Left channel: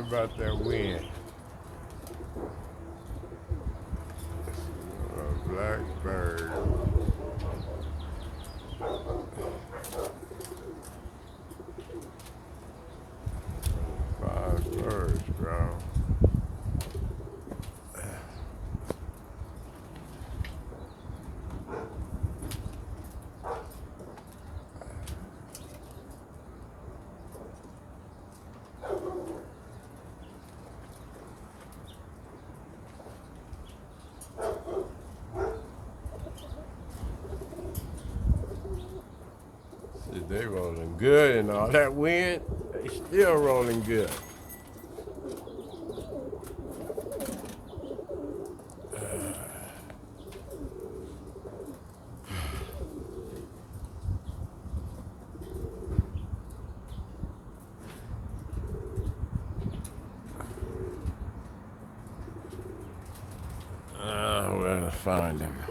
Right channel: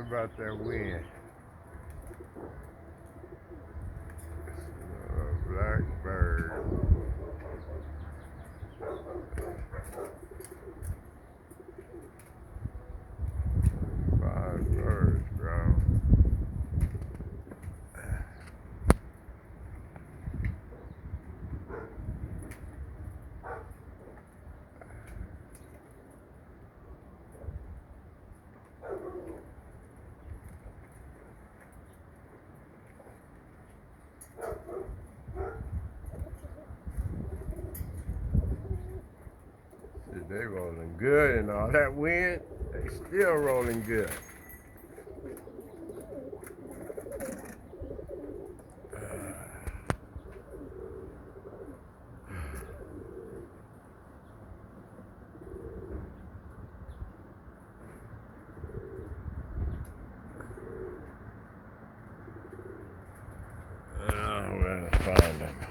about that wind. Blackbird. 5 birds, bro. See, they rolling good and all that wind, they still rolling good. We'll find them.